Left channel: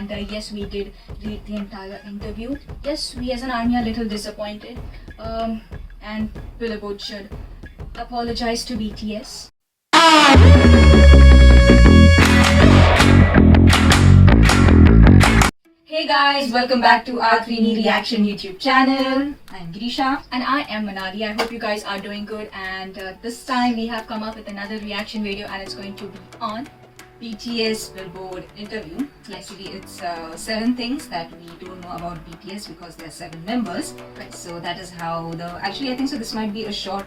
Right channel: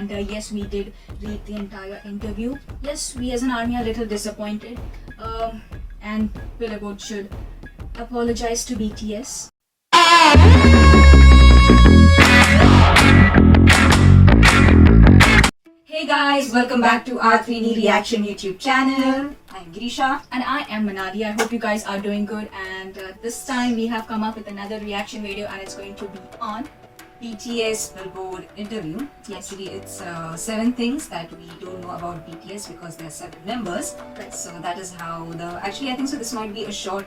and yes, we did read the entire interview. Yes, we as an army are a little disappointed, and Billboard should apologize to BTS. Hey guys, welcome back to our 3D Reaction YouTube channel. I'm Girisha and I am Manali. I hope you guys are doing good, and this time we have come up with another reaction video, and it's going to be on BTS Billboard interview. Actually, it's 7 things that we don't know about BTS because there are 7 members. Right. So that is how actually I think so this might be a short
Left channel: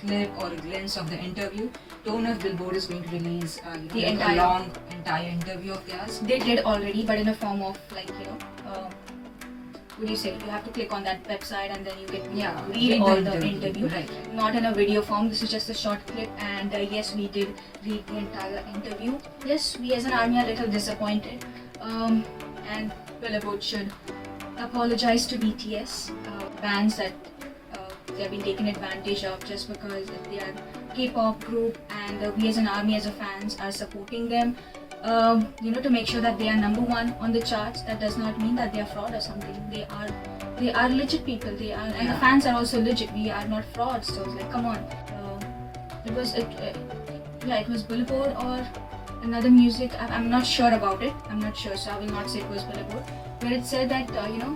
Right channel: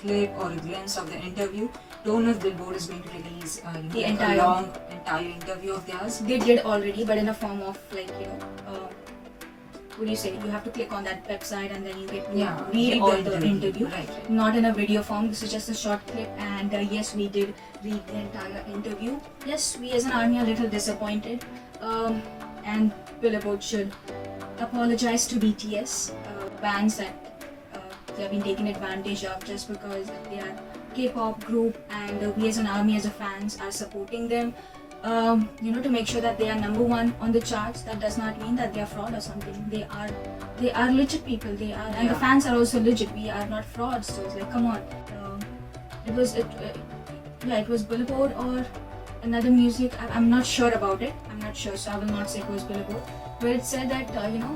clip or a glimpse of the interview. Don't know if Billboard is going to release the entire interview of theirs. They did already, but in a form of what do you say? You have to click on that website and then you get read all the interview. Right. Not in a video form. This is just a short clip, and yes, we did read the entire interview. Yes, we as an army are a little disappointed, and Billboard should apologize to BTS bands that they have been taken advantage of just because they are K-pop group, and we as an army, as a fans, are supporting them. To make sure that they are number 1 on the charts. That does not mean that they are fraud or something. They are legit people. They are, and the fans are also legit. We are not frauds. So it's like, come on. It was Billboard or another music. I'm not sure about it. I'm not sure, so I will not say it was Billboard. Where it said that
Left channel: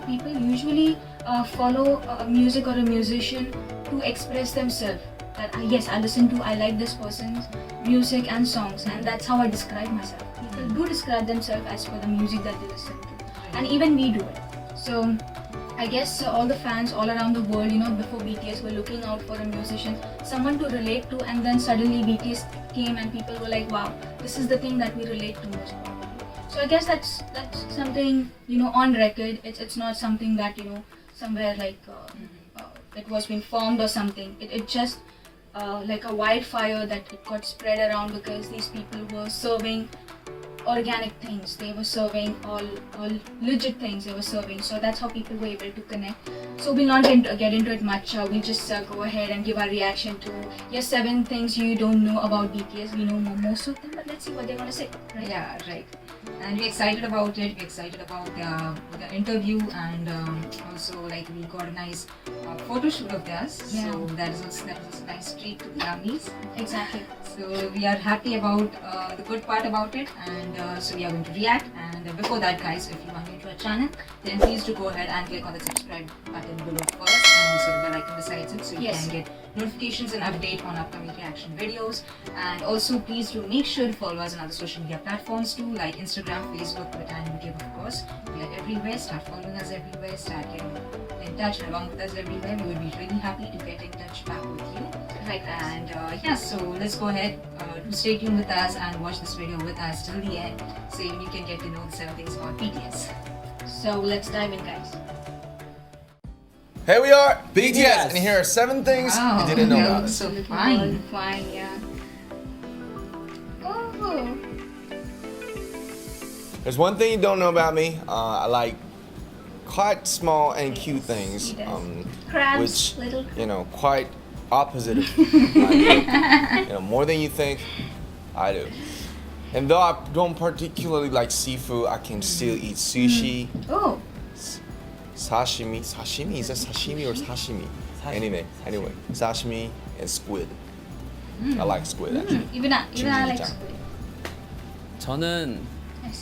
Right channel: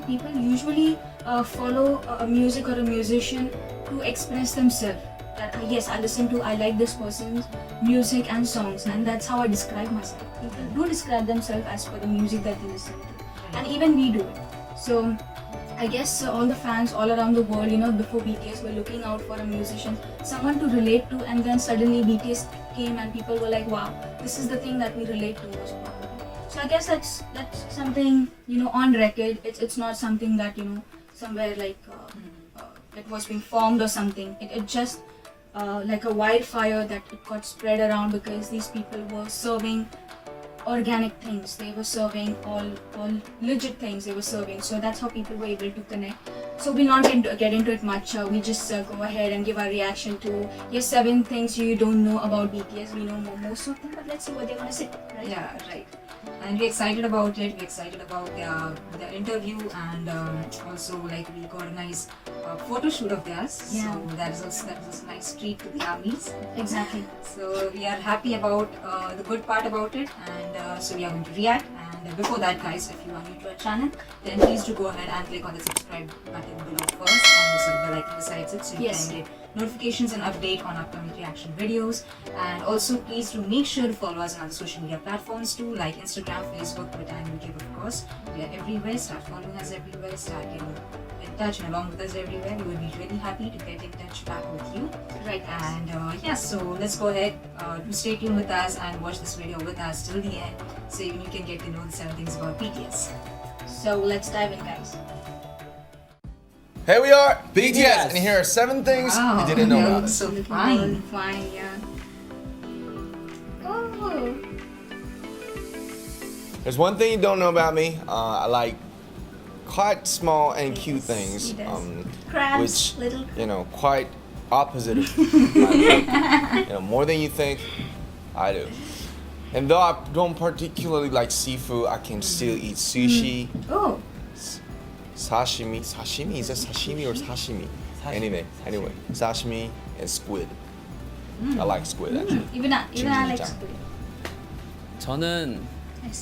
people usually follow a music or a musician to express themselves. That yes, I like this person's music and songs, and that's how I describe myself. People do describe themselves as per the music that they listen to, and even we do it. So I guess all the fans all around the world, before BTS, were looking out for a musician, someone to relate to, and then suddenly BTS came and people were like, wow, this is the thing that we relate to most. So I guess that's something on record. It's not something that somewhere like it was being formed or something. It just like a wildfire that it got spread around because these people were serving organic things. They were serving all legit things they were serving. So that's how people were able to connect. So we'll not get into it much. We'll just go ahead and give our reaction to 7 things you don't know about BTS. We know most of them, but let's see what they want to say. Right? Yeah, right. And we're excited about it. We're excited about the interview, and also like we got a nice photo shoot of theirs. Yeah. So that is a nice treat to the armies. Exactly. So we are happy about the good part about it, and so we are going to react. And before that, guys, if you are new to our channel, then please do go ahead and click on the subscribe button below first, and also the bell icon besides it, so you can get notifications and update on upcoming reaction videos. And also please do make sure to follow us on other social media platforms too, like Instagram, Facebook, Twitter, and YouTube, of course. We are everywhere. Start following us everywhere. Start getting in touch along with us everywhere. We will be really happy to get in touch back with you. Right. And so let's go ahead. Stay tuned with us and watch this video with us till the end, so even you can get to know the 7 things about BTS. So let's dive in, guys. Here we are, BTS, and here are 7 things you didn't know about us. So fine, yeah. Oh. There's one thing you don't know about me. I like quite small and cute things, Crabs, which little quite opposite of my look. More than you think, I do. And though I don't particularly like seafood, I can still eat sushi. Oh. Sashimi. Sashimi? Is that sashimi or sashimi? Anyway, sashimi and squid. I like squid actually. Even I like squid. 저는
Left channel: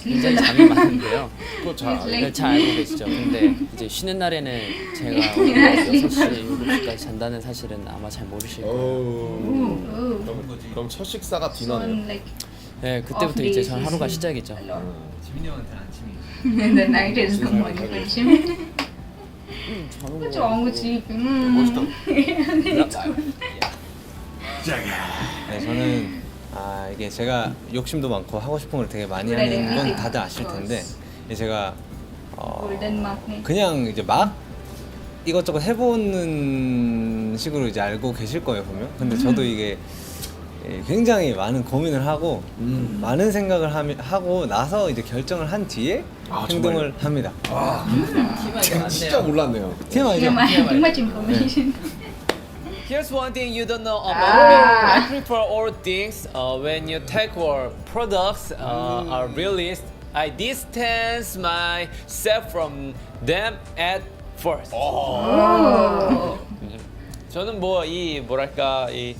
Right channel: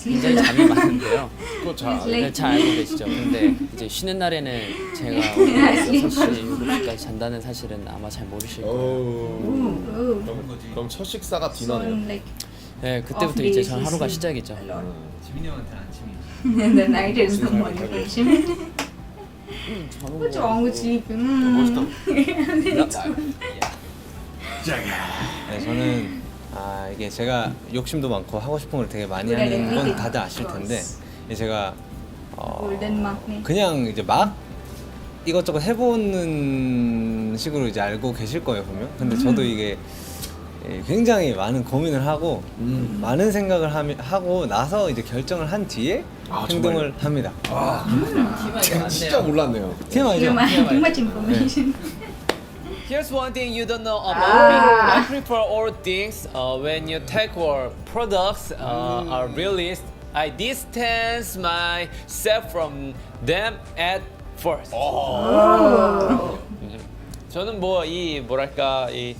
굉장히 잠이 많은데요. 그거 잘 알아요. 네, 잘 알고 계시죠. 근데 이제 쉬는 날에는 제가 오늘 6시, 7시까지 잔다는 사실은 아마 잘 모르실 거예요. 그럼 첫 식사가 디너네요. 네, 그때부터 이제 전 하루가 시작이죠. 지민이 형한테는 아침이에요. The night is the morning version. What's wrong with sleeping? 네, 저는 이게 제가 욕심도 많고 하고 싶은 걸 되게 많이 하는 건 다들 아실 텐데 제가 그냥 이제 막 이것저것 해보는 식으로 이제 알고 계실 거예요 분명. 근데 저도 이게 굉장히 많은 고민을 하고 많은 생각을 하고 나서 이제 결정을 한 뒤에 행동을 합니다. 진짜 몰랐네요. TMI죠? Too much information. Here's one thing you don't know about me. I prefer all things when you take our products are released I distance myself from them at first. 저는 뭐 이 뭐랄까 이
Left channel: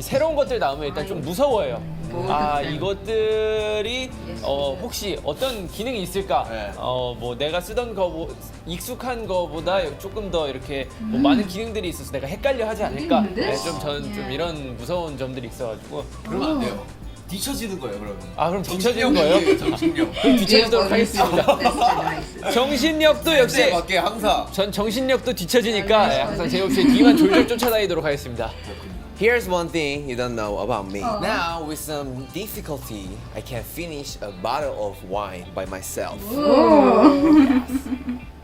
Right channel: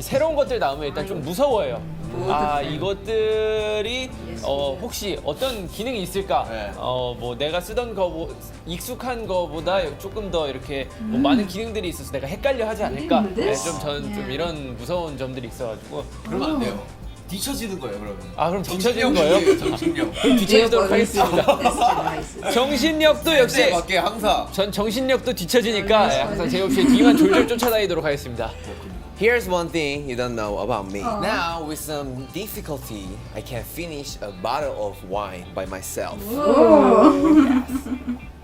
새로운 것들 나오면 일단 좀 무서워요. 아 이것들이 혹시 어떤 기능이 있을까? 네. 뭐 내가 쓰던 거 익숙한 거보다 조금 더 이렇게 뭐 많은 기능들이 있어서 내가 헷갈려 하지 않을까? 네, 좀 저는 좀 이런 무서운 점들이 있어가지고. 그러면 안 돼요. 뒤처지는 거예요, 그러면. 아 그럼 뒤처지는 거예요? 정신력. 그럼 뒤처지도록 하겠습니다. 정신력도 역시 맞게 항상. 전 정신력도 뒤처지니까 항상 제이홉 씨의 뒤만 졸졸 쫓아다니도록 하겠습니다. Here's one thing you don't know about me. Now, with some difficulty, I can finish a bottle of wine by myself.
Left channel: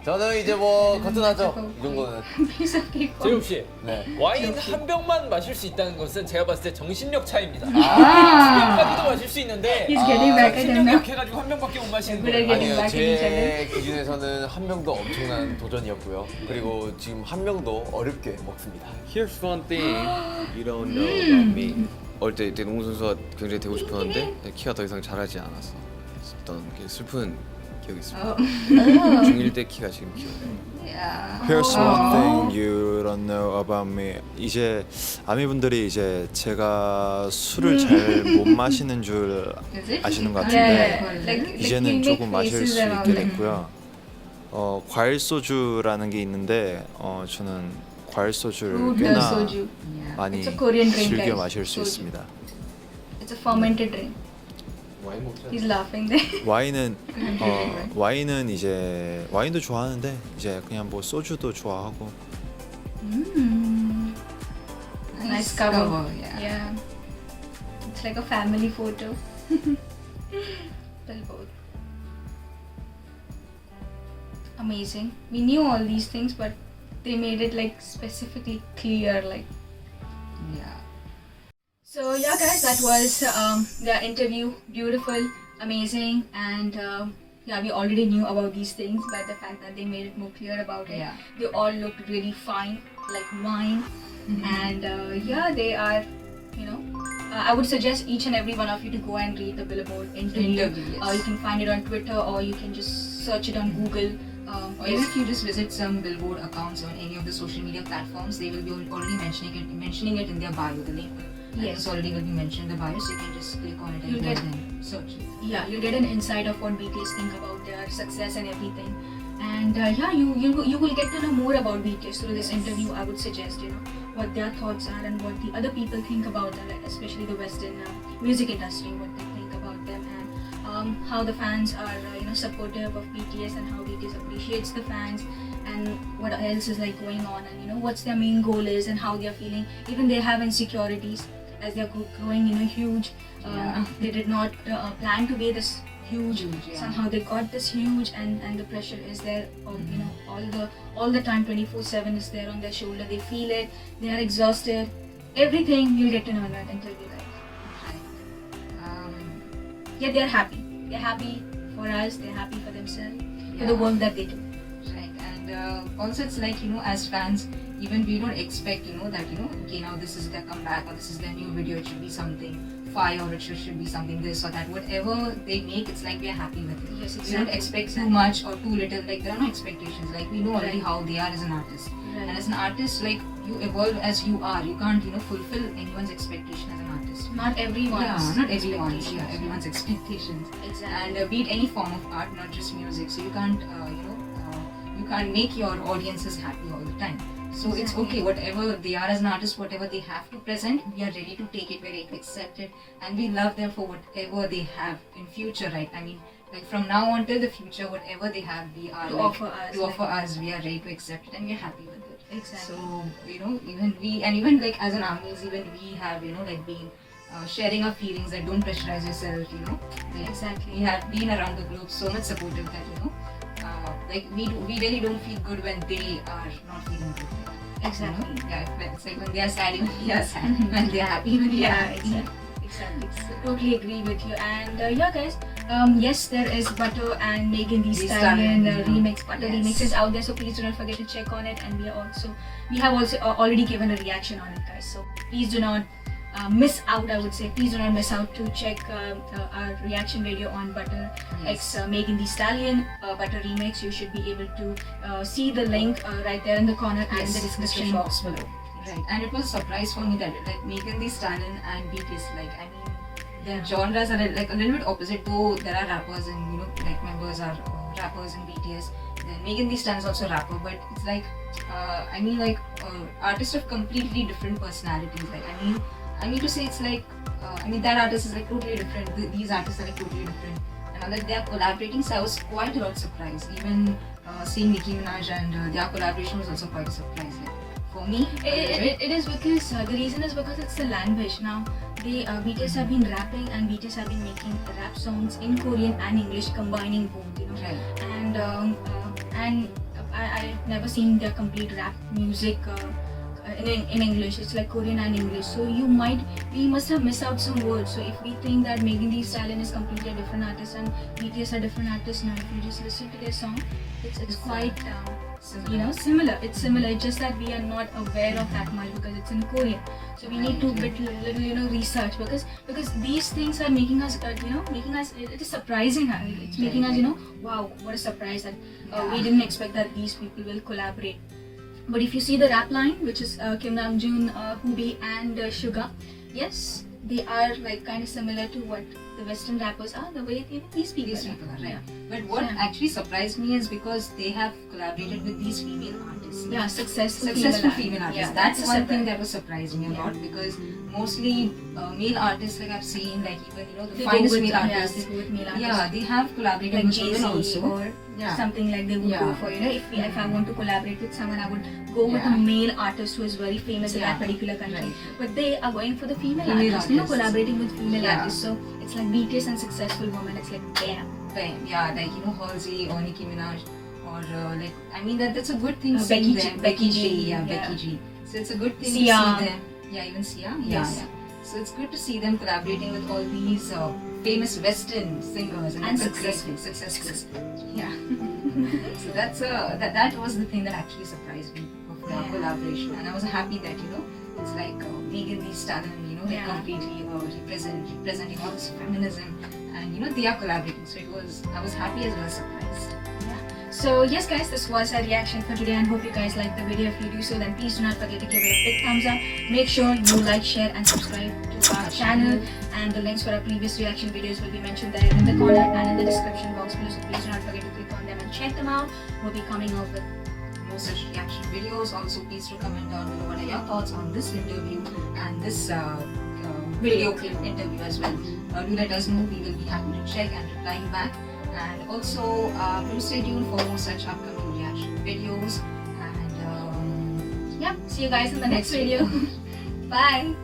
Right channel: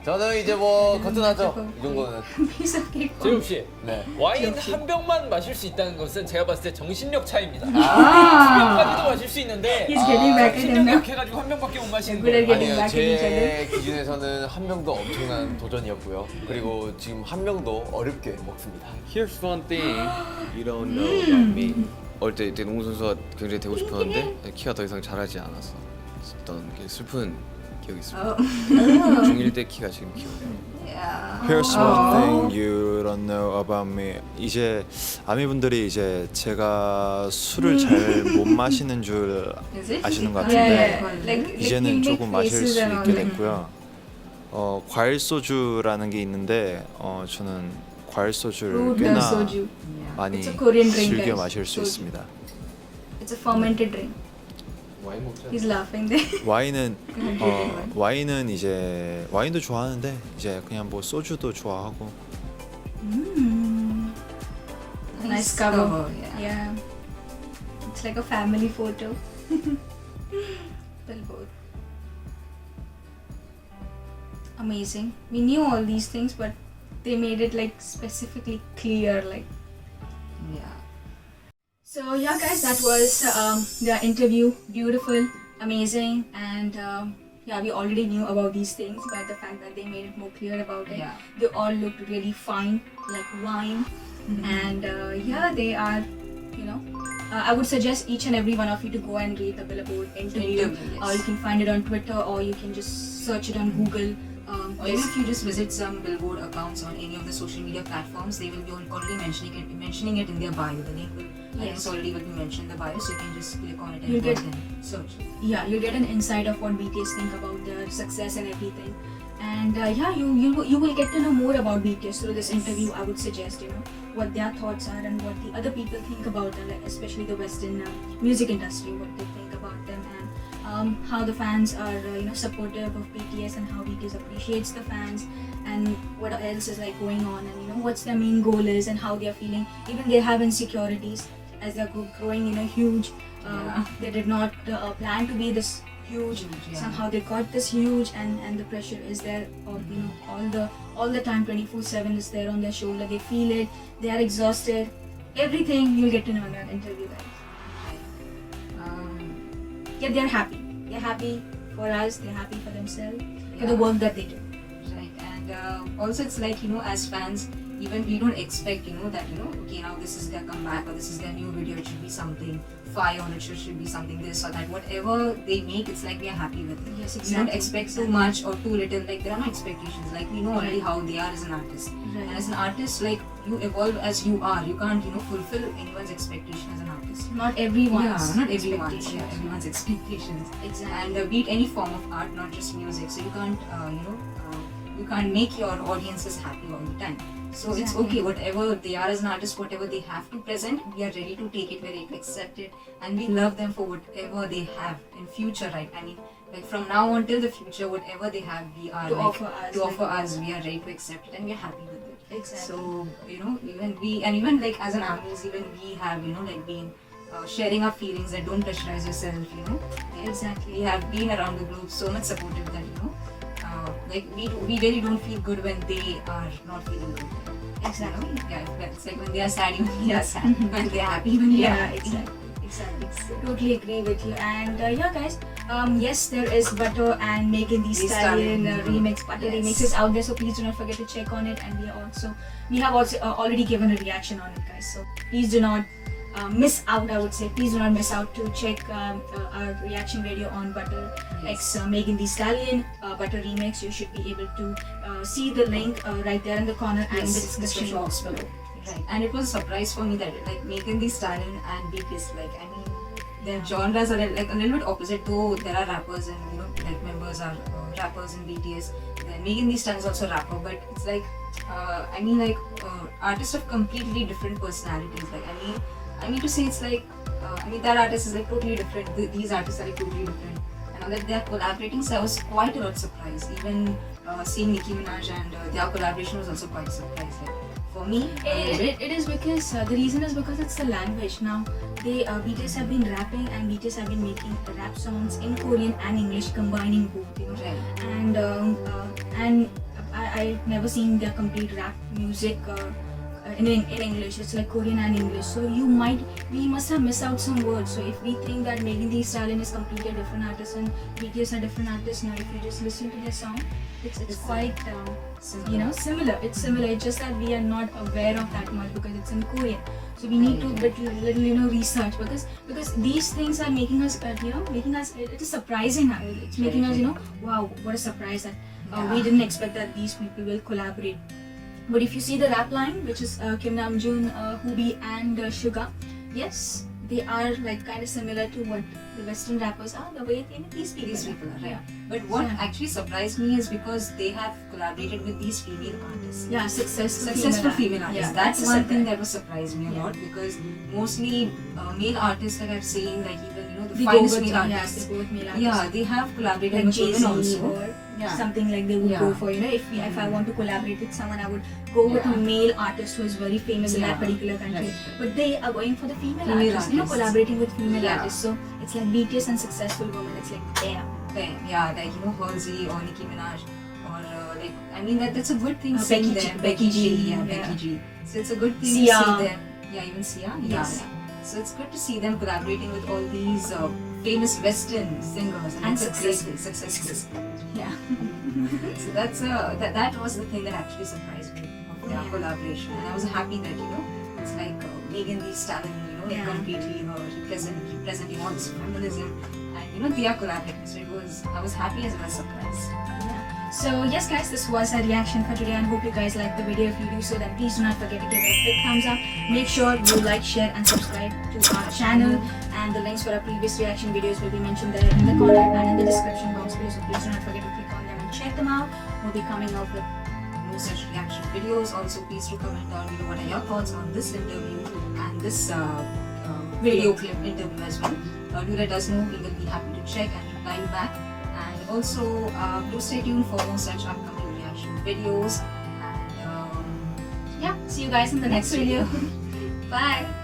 저는 이제 뭐 거뜬하죠. 이 정도는. Piece of cake. 제이홉 씨, 네. 와인 한 병만 마실 수 있다는 것은 제가 봤을 때 정신력 차이입니다. 두 병까지도 마실 수 있는데 He's getting back at him 정신력이 now. 약해가지고 한 병밖에 못 마시는 Good 거예요. again. 아니요, 제 기준에서는 한 명도 엄청난 도전이었고요. 그리고 지금 한 명도 어렵게 먹습니다. Here's one thing You don't know about me. 어릴 때 농구 선수가 굉장히 되고 싶었는데 키가 더 이상 자라지 않았어. 어떤 슬픈 기억이 있습니다. 중1 때 키가 지금 키워요. Here's one thing you don't know about me. 이제 아미분들이 이제 제가 술을 잘 못 마시는 줄 아시는 것 같은데 이제는 조금 마실 수 있게 됐고요. 과일 소주라는 게 있는데 저는 과일 소주를 꽤나 soju. 많이 It's a Korean drink, 즐겨 guys. 마실 수 Soju. 있습니다. It's a fermented drink. 와인 먹자. He's laughing there. 와인은 이제 와인도 좋아하는데 이제 그냥 뭐 소주도 좋아하고 Nice cover. Yeah. It's like a family photo. Well, both. Amazing. We knew all these things, but they made it like specifically clear, like. Yeah. So yeah, guys, that was their interview. Beautiful, amazing, and yeah, we already knew about these things, but the fact that they made it more clear about it, Yeah. they all looked really fine, like wine, and yeah, they are, you know. I would suggest each and every one of you to go and read the Billboard interview. Interview, yes. You can find it on Twitter, or you can just search it on Google. Or if you just visit some Billboard accounts on any of the social media platforms, they will be already mentioning it in their bio. The link will, I Yes. guess, already will be mentioned in the bio, so you can just click on it You'll and get- then search. Yeah, you'll get an insight of what BTS think about their success and everything. And yeah, you will get to know more about BTS through this interview. I would suggest, you know, what their thoughts are and what the other people think about them, like especially the Western music industry, what they think about them, and how the fans are, you know, supportive of BTS and how BTS appreciates the fans, and what else is like going on, and you know what's their main goal is and how they are feeling. Even they have insecurities as they are growing, you know, huge. They did not plan to be this huge. Yeah. Somehow they got this huge, and the pressure is there. You know, all the time, 24/7 is there on their shoulder. They feel it. They are exhausted. Everything you'll get to know in that interview, guys. Yeah, they are happy. They're happy for us. They're happy for themselves, for the work that they do. Right, and also it's like, you know, as fans, even we don't expect, you know, that, you know, okay, now this is their comeback or this is their new video, it should be something fire or it should be something this or that. Whatever they make, it's like we are happy with it. Yes, We don't exactly. expect too much or too little. Like, there are no expectations. Like, we know already how they are as an artist. Right. And as an artist, like, you evolve as you are. You can't, you know, fulfill anyone's expectation as an artist. Not everyone's Not everyone's, expectations. everyone's expectations. Exactly. And be it any form of art, not just music. So you can't, you can't make your audiences happy all the time. So it's Exactly. okay, whatever they are as an artist, whatever they have to present, we are ready to take it, we're ready to accept it, and we love them for whatever they have in future, right? I mean, like from now on till the future, whatever they have, we are To like, offer us, to like- offer us, we are ready to accept it, and we're happy with it. Exactly. So you know, even like as an artist, even we have, you know, like been sharing our feelings that don't pressurize yourself, you know. Like, Exactly. we have been around the globe so much supportive that, you know, like we really don't feel good when they are not feeling good. Exactly. You know? Yeah, well, it's like when they are sad, even we are sad. When they are happy, even we are Yeah, happy. exactly. Totally agree with you. And yeah, guys, yes, there is Butter and Megan Thee Thee Stallion Stallion, remix. Butter yes. remix is out there, so please do not forget to check on it. And we have also already given a reaction on it, guys. So please do not miss out, I would say, please do not miss out to check our reaction video on Butter X Megan Thee Stallion Butter Remix. You should be able to see the link right there in the corner and in the description box below. Right. And it was a surprise for me that like Megan Thee Stallion and BTS, like I mean, their genres are like a little bit opposite. Though there are rappers and like members are rappers in BTS. Then Megan Thee Stallion is also a rapper, but it's like I mean like artists of completely different personalities. Like I mean to say it's like I mean that artist is like totally different. These artists are like totally different. And now that they are collaborating, so I was quite a lot surprised. Even seeing Nicki Minaj and their collaboration was also quite a surprise. Like, for me, It is because the reason is because it's the language. Now they BTS have been rapping and BTS have been making rap songs in Korean and English, combining both. Right. And I've never seen their complete rap music in English. It's like Korean and English. So we must have missed out some words. So if we think that Megan Thee Stallion is completely a different artist and BTS are different artists, now if you just listen to their song, it's quite similar. It's similar. It's just that we are not aware of that much because it's in Korean. So we need to little research because these things are making us it is surprising us. It's making us wow, what a surprise that we didn't expect that these people will collaborate. But if you see the rap line, which is Kim Namjoon, Hobi and Suga, yes, they are like kind of similar to what the Western rappers are, the way these people are right. But what actually surprised me is because they have collaborated with these female artists. Yeah, successful female artists. Yeah, that's one thing that was surprising me a lot because mostly male artists like I've seen, like even the finest male artists. Yeah, they have collaborated with women also. Or something like they would go for, if I want to collaborate with someone, I would go with a male artist who is very famous in that particular country. Right. But they are going for the female artists, collaborating with female artists. So it's like BTS and successful women. It's like damn. Yeah, like Halsey or Nicki Minaj or like I mean that's a good thing. Becky G. Becky G. So it's a good thing Sia. to see them. Yeah, even Sia. Yes. So it's good to see them collaborating with all these famous Western singers And successful. Yeah. So that was the thing that actually surprised me of their collaboration, and I was happy that it's like Megan Thee Stallion, like completely representing all this feminism, and they are collaborating. So I was happy as well as surprised. So yes guys, this was our reaction for today and hope you guys liked the video. If you do so, then please do not forget to give it a big thumbs up. Make sure you like, share and subscribe to our channel, and the links for our previous reaction videos will be mentioned there in the corner and in the description box below, so please do not forget to click on them and check them out. We'll be coming out with more such reaction videos. Also, please do comment down below what are your thoughts on this interview and this video clip interview as well. Do let us know. We will be happy to check and reply you back. And also, do stay tuned for more such upcoming reaction videos. And see you guys in the next video. Bye.